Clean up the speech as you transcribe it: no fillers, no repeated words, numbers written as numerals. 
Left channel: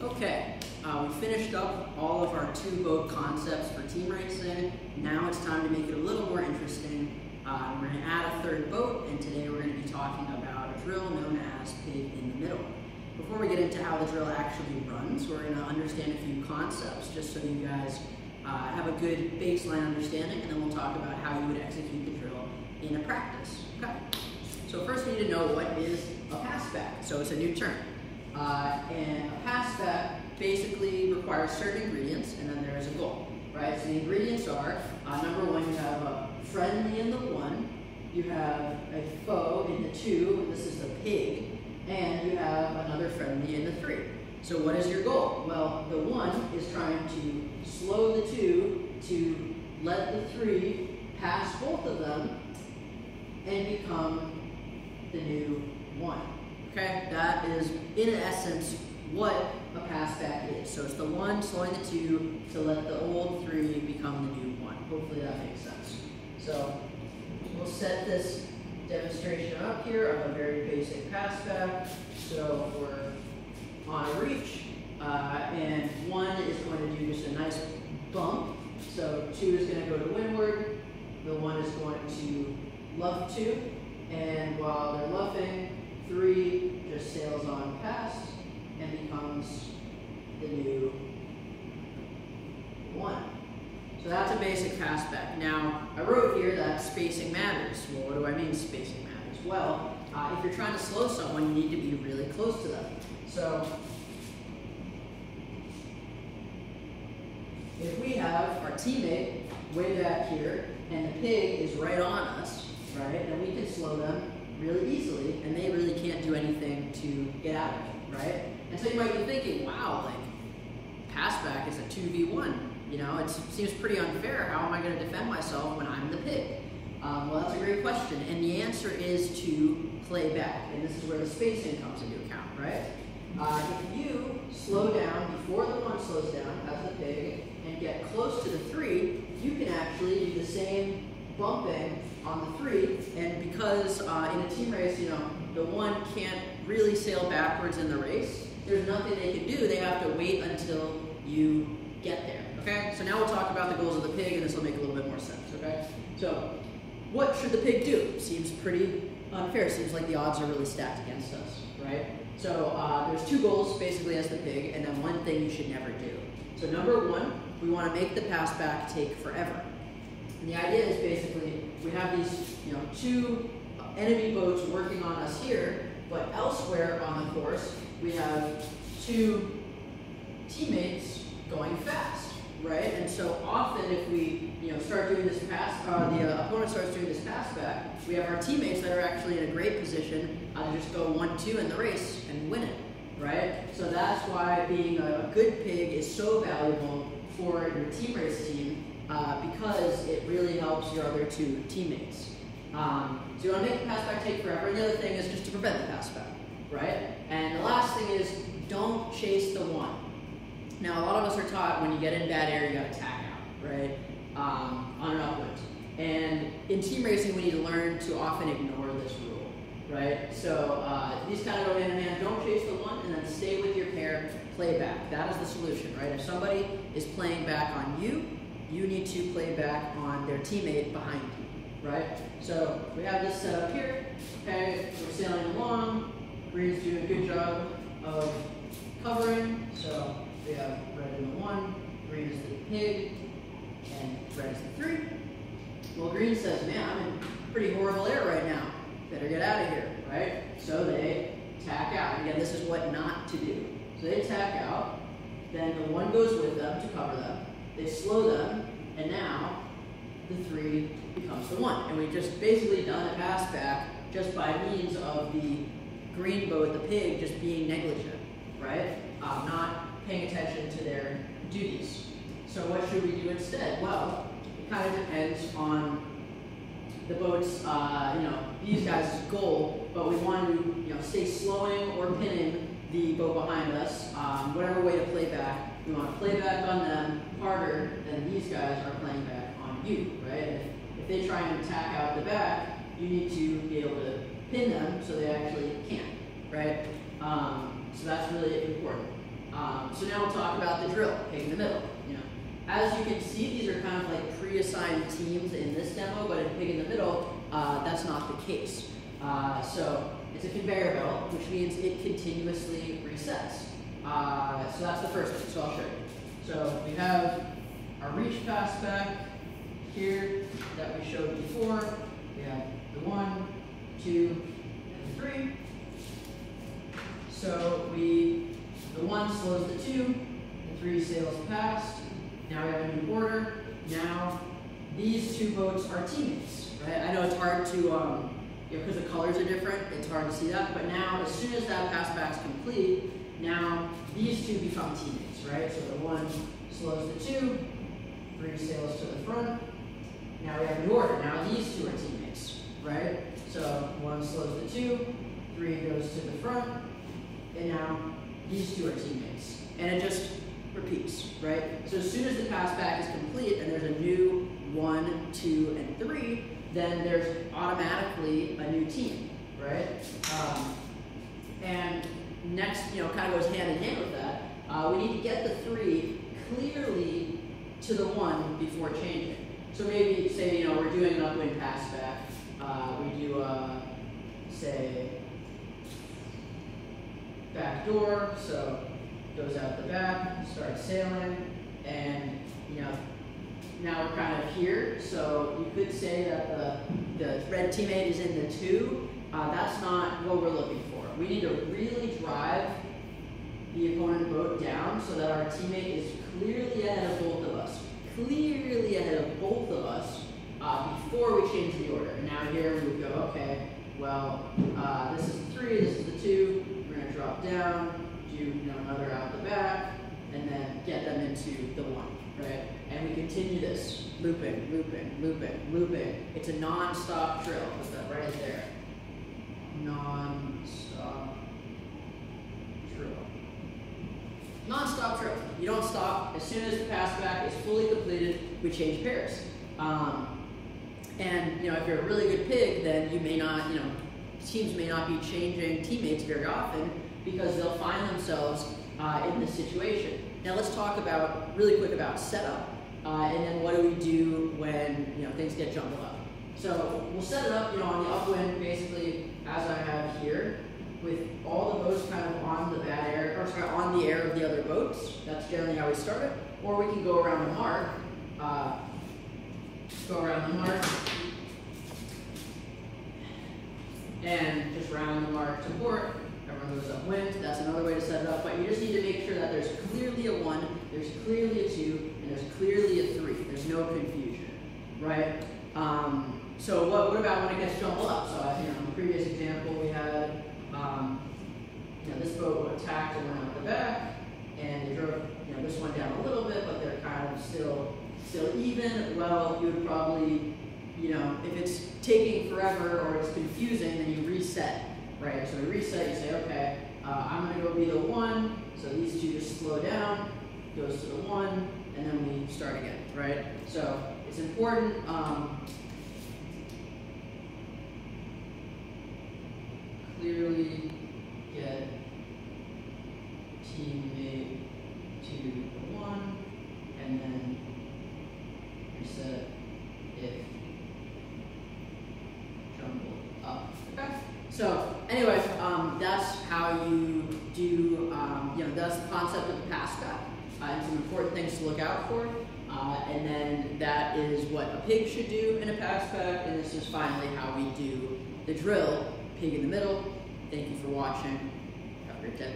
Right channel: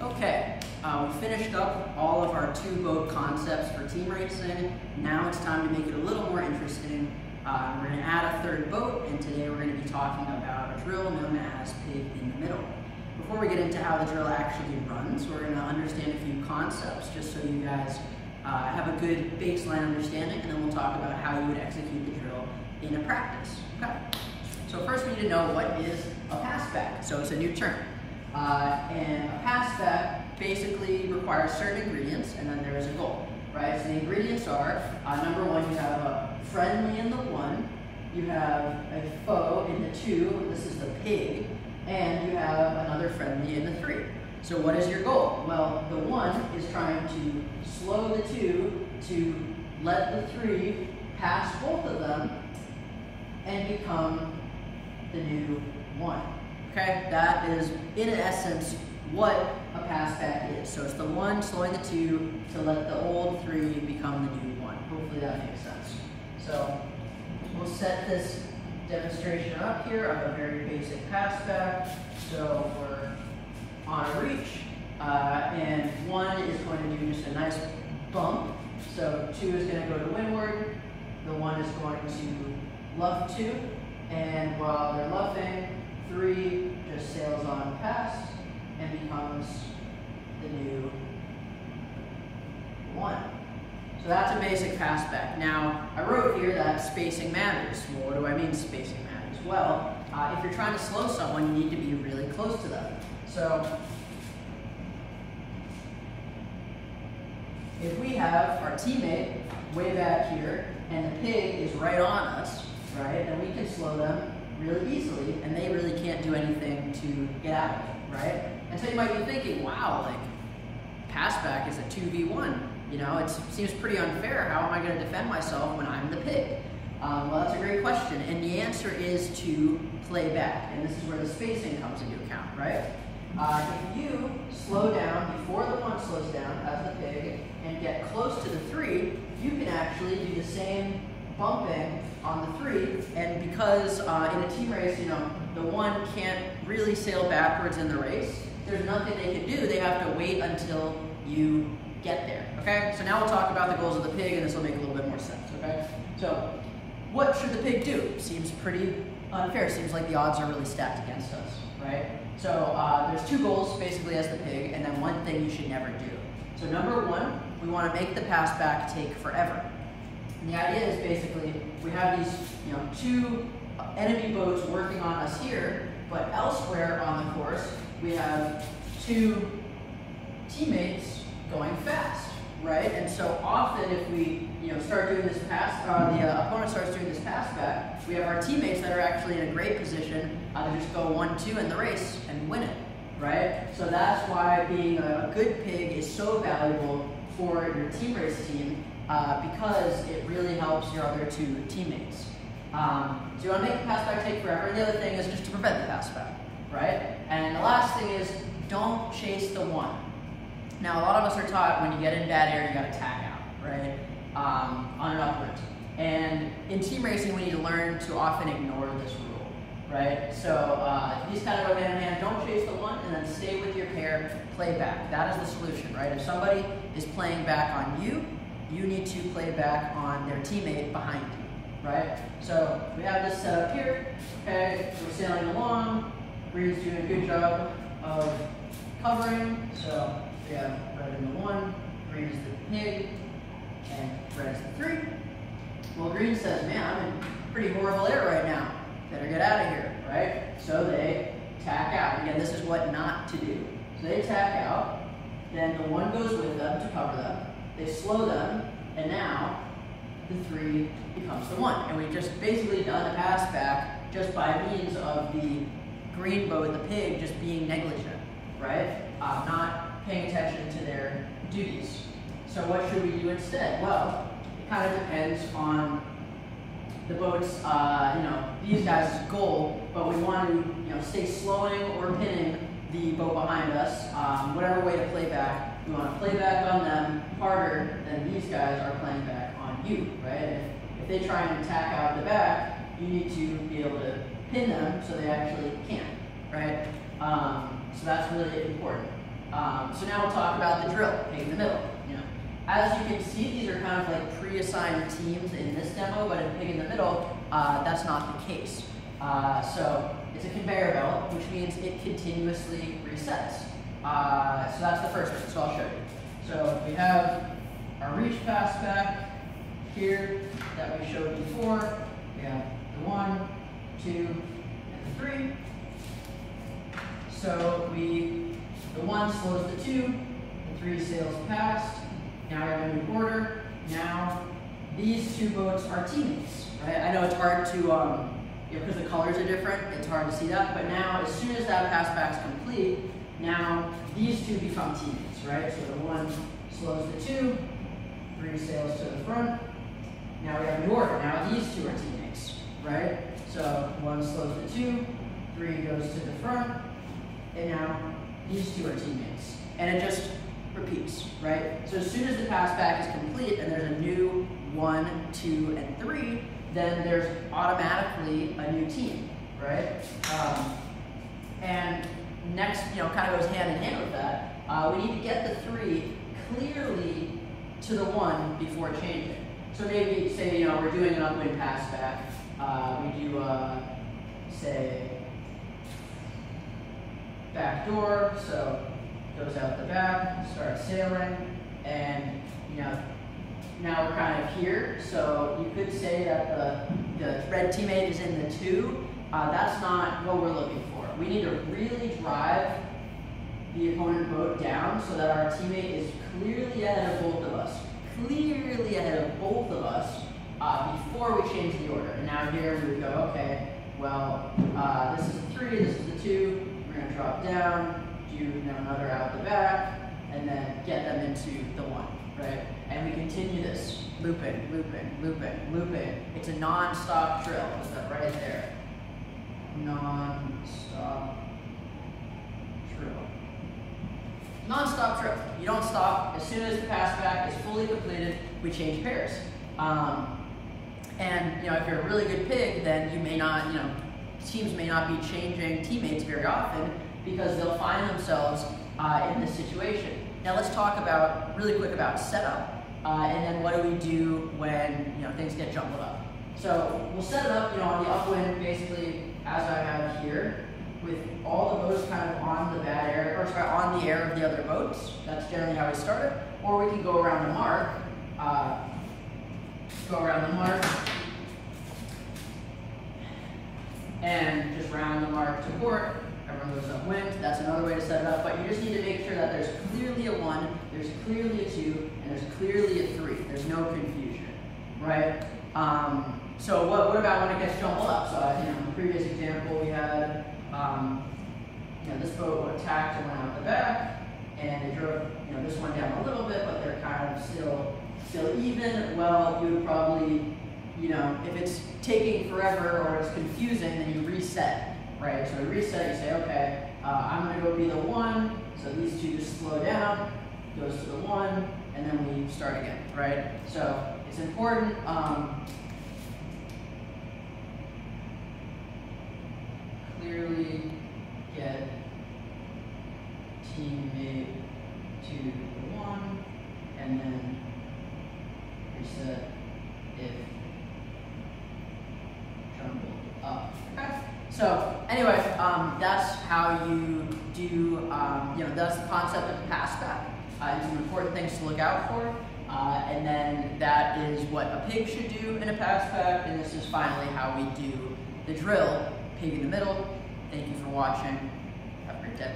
Okay, we finished up all of our two-boat concepts for team racing. Now it's time to make it a little more interesting. We're going to add a third boat, and today we're going to be talking about a drill known as Pig in the Middle. Before we get into how the drill actually runs, we're going to understand a few concepts just so you guys have a good baseline understanding, and then we'll talk about how you would execute the drill in a practice. Okay. So first we need to know what is a passback. So it's a new term. And a passback basically requires certain ingredients, and then there is a goal, right? So the ingredients are, number one, you have a friendly in the one, you have a foe in the two, this is the pig, and you have another friendly in the three. So what is your goal? Well, the one is trying to slow the two to let the three pass both of them and become the new one. Okay, that is in essence what a passback is. So it's the one slowing the two to let the old three become the new one. Hopefully that makes sense. So we'll set this demonstration up here of a very basic passback. So we're on a reach, and one is going to do just a nice bump. So two is going to go to windward, the one is going to luff two, and while they're luffing, three just sails on past and becomes the new one. So that's a basic passback. Now, I wrote here that spacing matters. Well, what do I mean spacing matters? Well, if you're trying to slow someone, you need to be really close to them. So, if we have our teammate way back here and the pig is right on us, right, then we can slow them really easily, and they really can't do anything to get out of it, right? And so you might be thinking, wow, like, passback is a 2v1. You know, it seems pretty unfair. How am I going to defend myself when I'm the pig? Well, that's a great question, and the answer is to play back, and this is where the spacing comes into account, right? If you slow down before the one slows down as the pig and get close to the three, you can actually do the same bumping on the three, and because in a team race, you know, the one can't really sail backwards in the race, there's nothing they can do. They have to wait until you get there, okay? So now we'll talk about the goals of the pig, and this will make a little bit more sense, okay? So what should the pig do? Seems pretty unfair. Seems like the odds are really stacked against us, right? So there's two goals basically as the pig, and then one thing you should never do. So number one, we want to make the passback take forever. And the idea is basically we have these, you know, two enemy boats working on us here, but elsewhere on the course we have two teammates going fast, right? And so often if we, you know, start doing this pass, the opponent starts doing this pass back, we have our teammates that are actually in a great position to just go 1-2 in the race and win it, right? So that's why being a good pig is so valuable for your team race team, because it really helps your other two teammates. So you want to make the passback take forever, and the other thing is just to prevent the passback, right? And the last thing is don't chase the one. Now, a lot of us are taught when you get in bad air, you got to tack out, right, on an upwind. And in team racing, we need to learn to often ignore this rule, right? So these kind of go hand in hand. Don't chase the one, and then stay with your pair, play back. That is the solution, right? If somebody is playing back on you, you need to play back on their teammate behind you, right? So we have this set up here, okay? We're sailing along. Green's doing a good job of covering, so we have red in the one, green is the pig, and red is the three. Well, green says, man, I'm in pretty horrible air right now. Better get out of here, right? So they tack out. Again, this is what not to do. So they tack out, then the one goes with them to cover them. They slow them, and now the three becomes the one. And we've just basically done a pass back just by means of the green boat, the pig, just being negligent, right? Not paying attention to their duties. So what should we do instead? Well, it kind of depends on the boat's, you know, these guys' goal, but we want to, you know, stay slowing or pinning the boat behind us, whatever way to play back. We want to play back on them harder than these guys are playing back on you, right? And if they try and attack out the back, you need to be able to pin them so they actually can't, right? So that's really important. So now we'll talk about the drill, pig in the middle. As you can see, these are kind of like pre-assigned teams in this demo, but in pig in the middle, that's not the case. So it's a conveyor belt, which means it continuously resets. So that's the first thing, so I'll show you. So we have our reach pass back here that we showed before. We have the 1, 2, and the 3. So the 1 slows the 2, the 3 sails past. Now we have a new order. Now these two boats are teammates, right? I know it's hard to, because the colors are different, it's hard to see that, but now as soon as that pass back's complete, now these two become teammates, right? So the 1 slows the 2, 3 sails to the front. Now we have a new order. Now these two are teammates, right? So 1 slows the 2, 3 goes to the front, and now these two are teammates. And it just repeats, right? So as soon as the pass back is complete and there's a new 1, 2, and 3, then there's automatically a new team, right? And next, kind of goes hand in hand with that, we need to get the 3 clearly to the 1 before changing. So maybe, say, we're doing an upwind pass back. We do, say, back door, so goes out the back, starts sailing, and now we're kind of here. So you could say that the red teammate is in the 2. That's not what we're looking for. We need to really drive the opponent boat down so that our teammate is clearly ahead of both of us. Clearly ahead of both of us before we change the order. And now here we would go, okay, well, this is the 3, this is the 2. We're going to drop down, do another out the back, and then get them into the 1, right? And we continue this, looping, looping, looping, looping. It's a non-stop drill. Put that right there. Non-stop drill. Non-stop drill. You don't stop. As soon as the pass back is fully completed, we change pairs. And if you're a really good pig, then you may not, teams may not be changing teammates very often because they'll find themselves in this situation. Now let's talk really quick about setup, and then what do we do when things get jumbled up. So we'll set it up, on the upwind, basically as I have here, with all the boats kind of on the on the air of the other boats. That's generally how we start it. Or we can go around the mark. And just round the mark to port. Everyone goes upwind. That's another way to set it up. But you just need to make sure that there's clearly a 1, there's clearly a 2, and there's clearly a 3. There's no confusion, right? So what about when it gets jumbled up? So in the previous example we had, this boat attacked and went out the back, and it drove this one down a little bit, but they're kind of still even. Well, you would probably, if it's taking forever or it's confusing, then you reset, right? So you reset, you say, okay, I'm going to go be the 1, so these two just slow down, goes to the 1, and then we start again, right? So it's important. Clearly get teammate to the 1, and then reset if jumbled up. Okay. So anyway, that's how you do. That's the concept of the pass back. And some important things to look out for. And then that is what a pig should do in a pass back. And this is finally how we do the drill. Pig in the middle. Thank you for watching. Have a great day.